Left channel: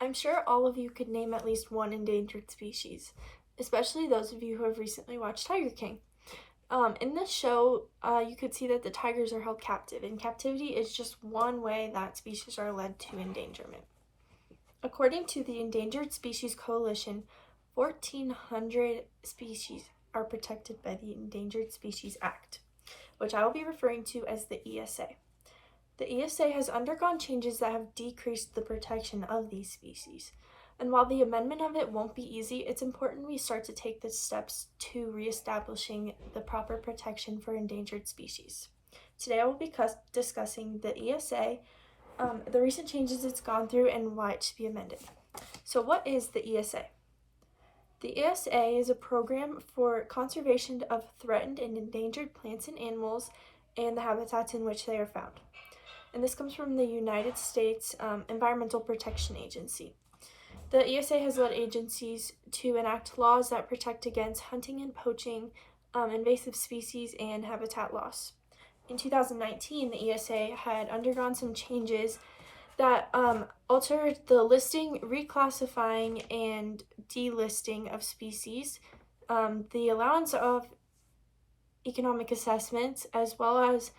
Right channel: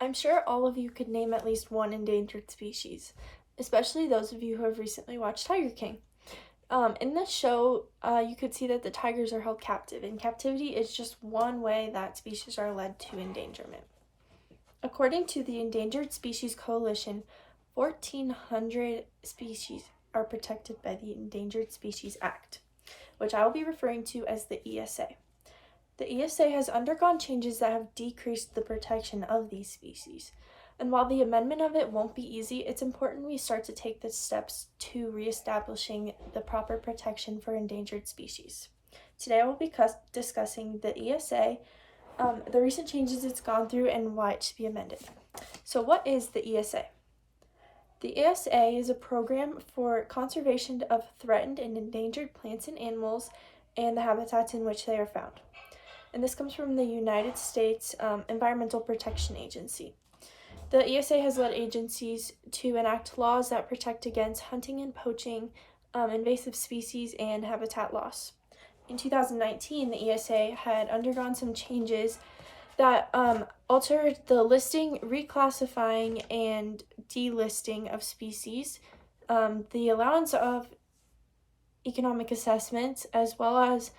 I'm sure all of you could name at least one endangered species, especially those of you who have recently watched Tiger King. In this show, you could see that the tigers are held captive, and captivity is just one way that species are led to endangerment. According to the Endangered Species Coalition, 1,400 species are protected by the Endangered Species Act, which I will be referring to as the ESA. The ESA has undergone changes that have decreased the protection of these species. And while the amendment of it won't be easy, it's important we start to take the steps to reestablishing the proper protection for endangered species. Today I will be discussing the ESA, the recent changes it's gone through, and why it should be amended. So what is the ESA? The ESA is a program for conservation of threatened and endangered plants and animals and the habitats in which they are found. And this comes from the United States Environmental Protection Agency. The ESA has led agencies to enact laws that protect against hunting and poaching, invasive species, and habitat loss. In 2019, the ESA had undergone some changes that altered the listing, reclassifying, and delisting of species, the allowance of economic assessments, as well as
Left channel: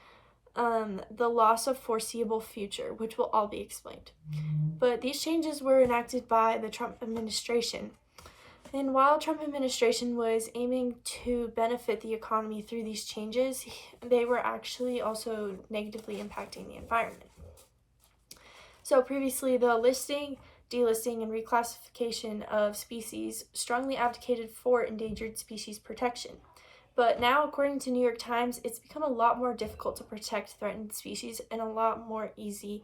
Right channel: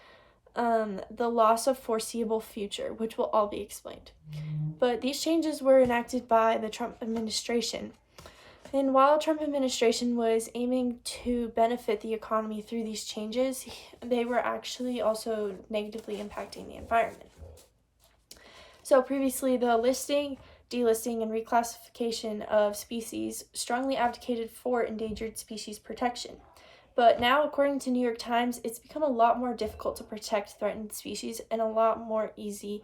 the loss of foreseeable future, which will all be explained. But these changes were enacted by the Trump administration. And while the Trump administration was aiming to benefit the economy through these changes, they were actually also negatively impacting the environment. So previously, the listing, delisting, and reclassification of species strongly advocated for endangered species protection. But now, according to New York Times, it's become a lot more difficult to protect threatened species and a lot more easy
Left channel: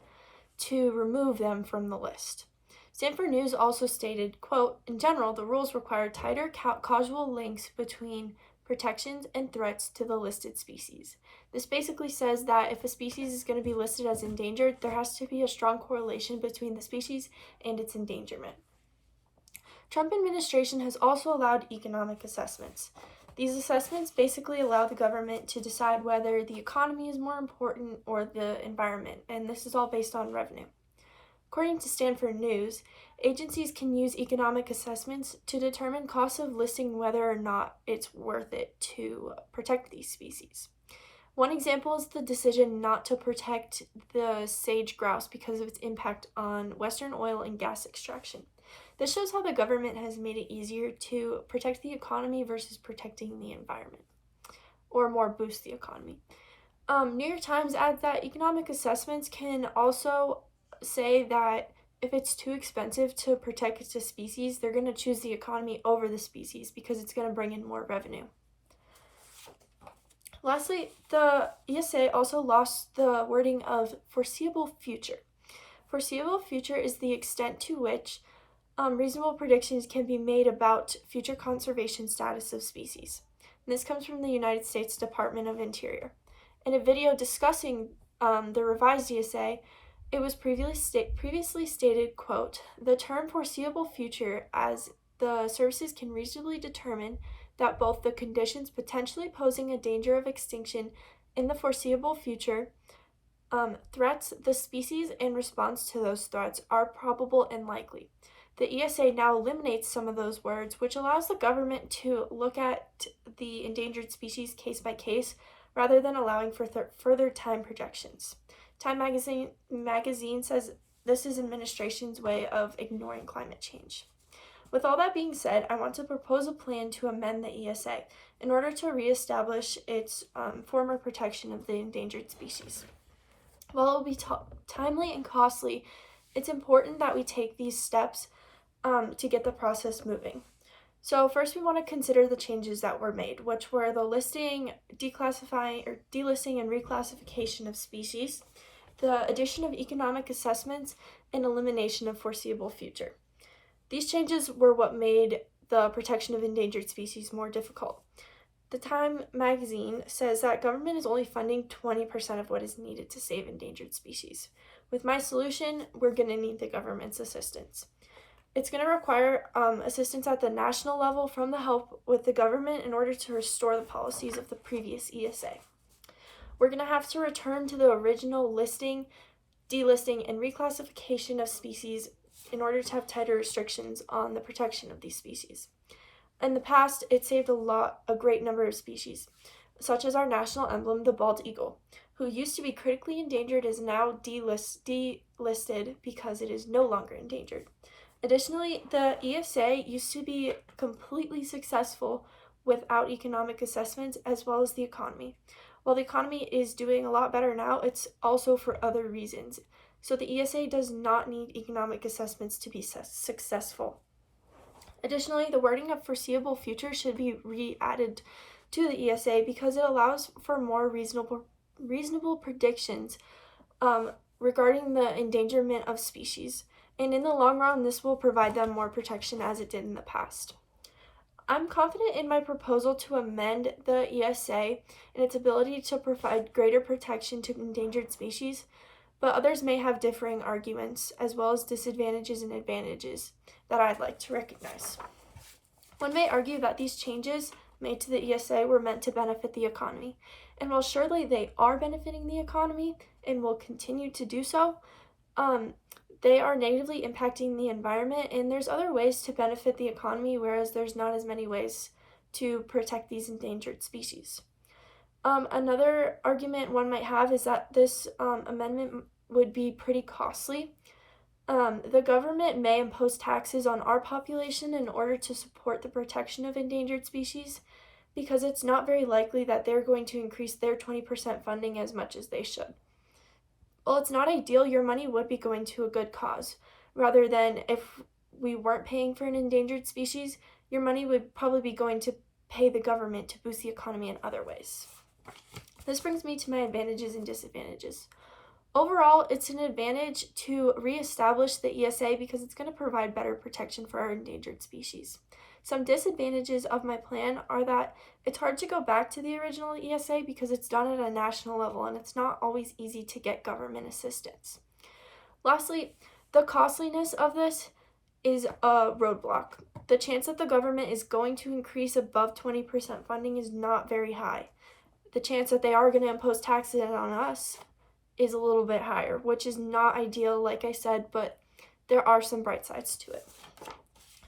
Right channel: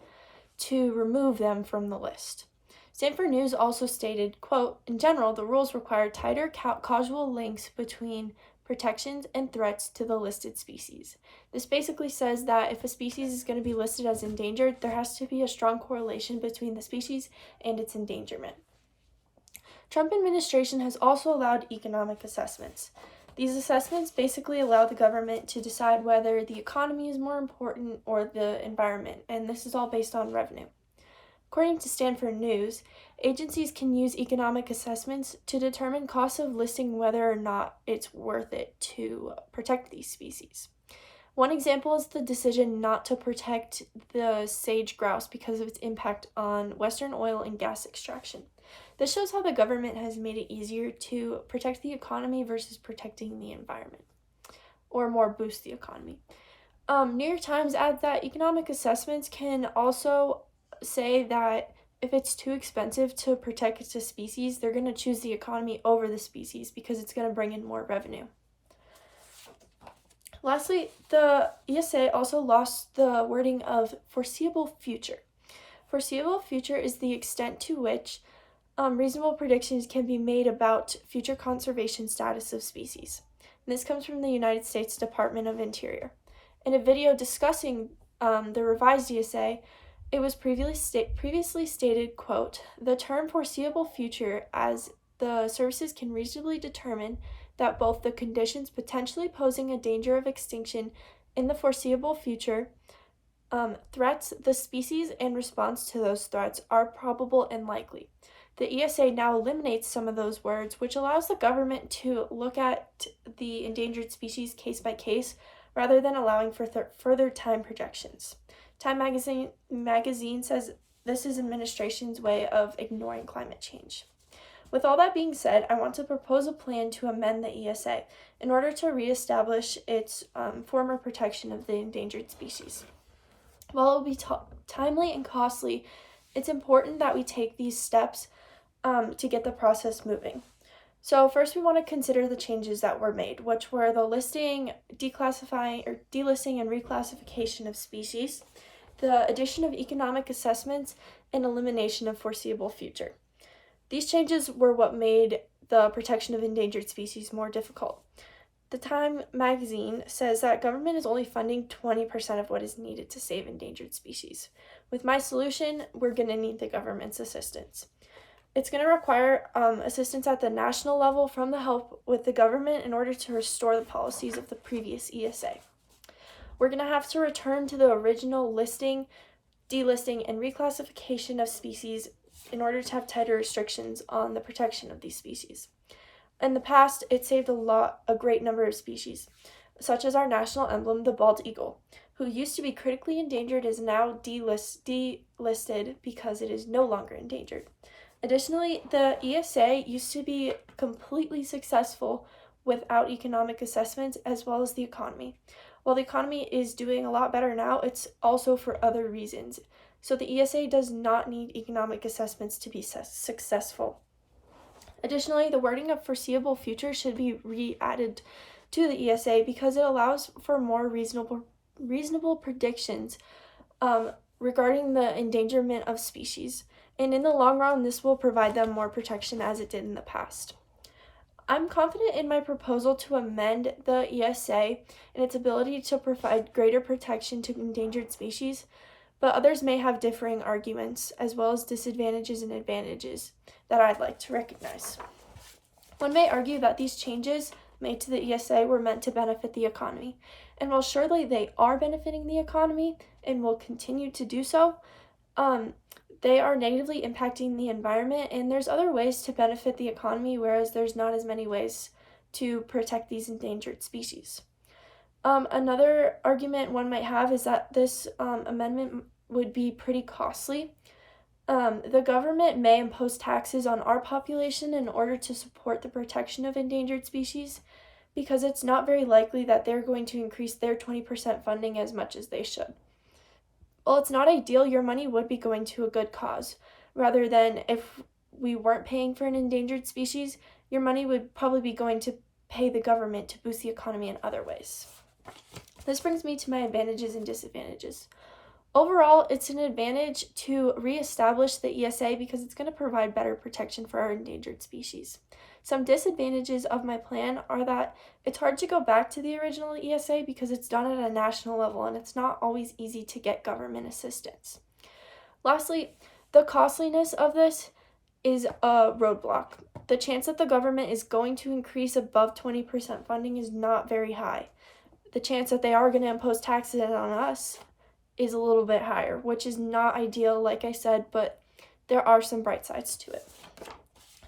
to remove them from the list. Stanford News also stated, quote, "In general, the rules require tighter causal links between protections and threats to the listed species. This basically says that if a species is going to be listed as endangered, there has to be a strong correlation between the species and its endangerment." Trump administration has also allowed economic assessments. These assessments basically allow the government to decide whether the economy is more important or the environment, and this is all based on revenue. According to Stanford News, agencies can use economic assessments to determine costs of listing whether or not it's worth it to protect these species. One example is the decision not to protect the sage grouse because of its impact on Western oil and gas extraction. This shows how the government has made it easier to protect the economy versus protecting the environment, or more boost the economy. New York Times adds that economic assessments can also say that if it's too expensive to protect a species, they're going to choose the economy over the species because it's going to bring in more revenue. Lastly, the ESA also lost the wording of foreseeable future. Foreseeable future is the extent to which reasonable predictions can be made about future conservation status of species. And this comes from the United States Department of Interior. In a video discussing the revised ESA, it was previously stated, quote, "The term foreseeable future as the services can reasonably determine that both the conditions potentially posing a danger of extinction in the foreseeable future, threats, the species, and response to those threats are probable and likely." The ESA now eliminates some of those words, which allows the government to look at the endangered species case by case rather than allowing for further time projections. Time magazine says this is administration's way of ignoring climate change. With all that being said, I want to propose a plan to amend the ESA in order to reestablish its former protection of the endangered species. While it will be timely and costly, it's important that we take these steps to get the process moving. So first we want to consider the changes that were made, which were the listing, delisting and reclassification of species, the addition of economic assessments, and elimination of foreseeable future. These changes were what made the protection of endangered species more difficult. The Time magazine says that government is only funding 20% of what is needed to save endangered species. With my solution, we're going to need the government's assistance. It's going to require assistance at the national level from the help with the government in order to restore the policies of the previous ESA. We're going to have to return to the original listing, delisting, and reclassification of species in order to have tighter restrictions on the protection of these species. In the past, it saved a great number of species, such as our national emblem, the bald eagle, who used to be critically endangered, is now delisted because it is no longer endangered. Additionally, the ESA used to be completely successful without economic assessments, as well as the economy. While the economy is doing a lot better now, it's also for other reasons. So the ESA does not need economic assessments to be successful. Additionally, the wording of foreseeable future should be re-added to the ESA because it allows for more reasonable predictions regarding the endangerment of species. And in the long run, this will provide them more protection as it did in the past. I'm confident in my proposal to amend the ESA and its ability to provide greater protection to endangered species, but others may have differing arguments, as well as disadvantages and advantages that I'd like to recognize. One may argue that these changes made to the ESA were meant to benefit the economy, and while surely they are benefiting the economy and will continue to do so, they are negatively impacting the environment, and there's other ways to benefit the economy, whereas there's not as many ways to protect these endangered species. Another argument one might have is that this amendment would be pretty costly. The government may impose taxes on our population in order to support the protection of endangered species, because it's not very likely that they're going to increase their 20% funding as much as they should. While it's not ideal, your money would be going to a good cause, rather than if we weren't paying for an endangered species, your money would probably be going to pay the government to boost the economy in other ways. This brings me to my advantages and disadvantages. Overall, it's an advantage to reestablish the ESA because it's going to provide better protection for our endangered species. Some disadvantages of my plan are that it's hard to go back to the original ESA because it's done at a national level and it's not always easy to get government assistance. Lastly, the costliness of this is a roadblock. The chance that the government is going to increase above 20% funding is not very high. The chance that they are going to impose taxes on us is a little bit higher, which is not ideal, like I said, but there are some bright sides to it.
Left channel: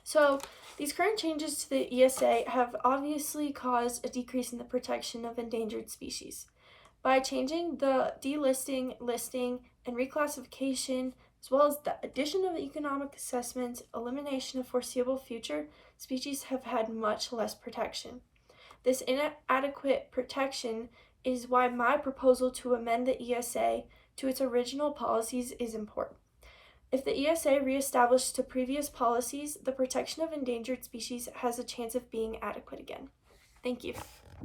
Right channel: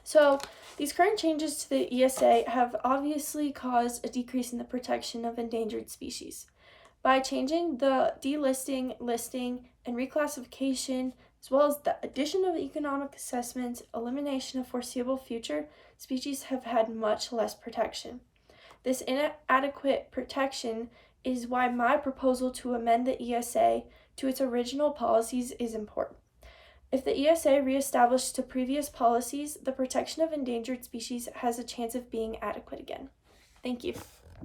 So these current changes to the ESA have obviously caused a decrease in the protection of endangered species. By changing the delisting, listing, and reclassification, as well as the addition of economic assessments, elimination of foreseeable future, species have had much less protection. This inadequate protection is why my proposal to amend the ESA to its original policies is important. If the ESA reestablished to previous policies, the protection of endangered species has a chance of being adequate again. Thank you.